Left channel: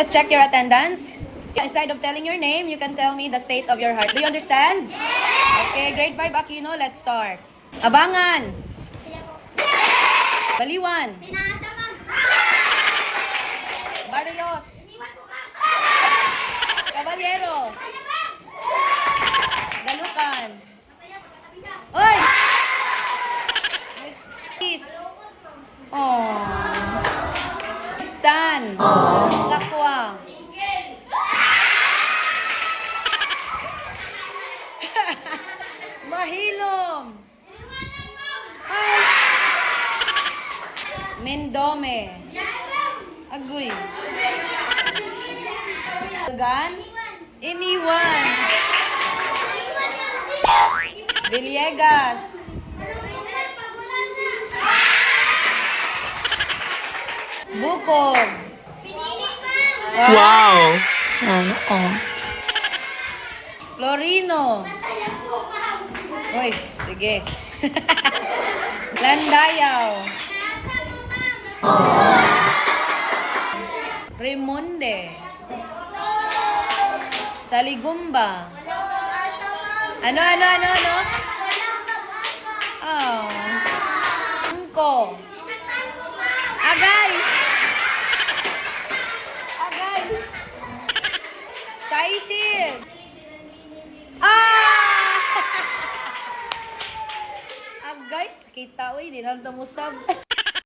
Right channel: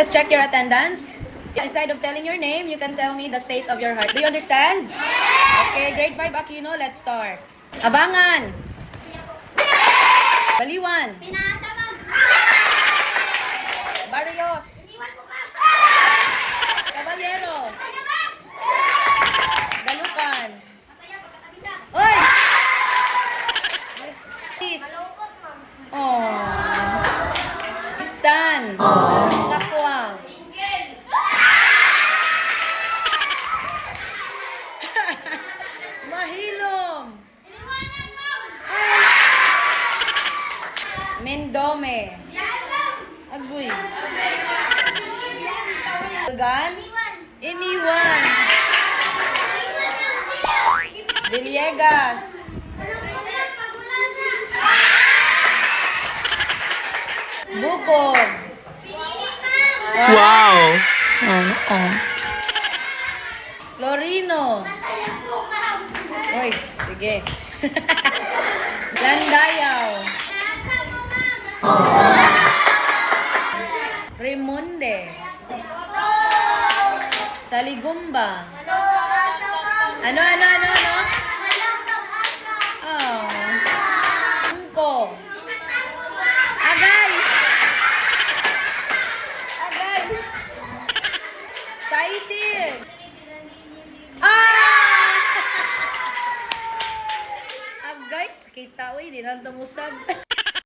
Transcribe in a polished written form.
Let's check your attendance. Instead of telling your name, you can tell me the state of your heart. Do you understand? Okay, grade 5 Aquino, let's start. Abangan. Baliwan. Barrios. Caballero. Dalukan. Oy! Peace. Oh. Stan. Lakwa. Mahilom. Mendome. Agoy. Gan. Iniwan. Villegas. Bukod. Wow! Sana all. Florino. Uy, sige. Landayaw. Remonde. Saligumba. Ano? Oh. Angko. Agay. Saisil. Agay, sakit tao, di lang tamusab.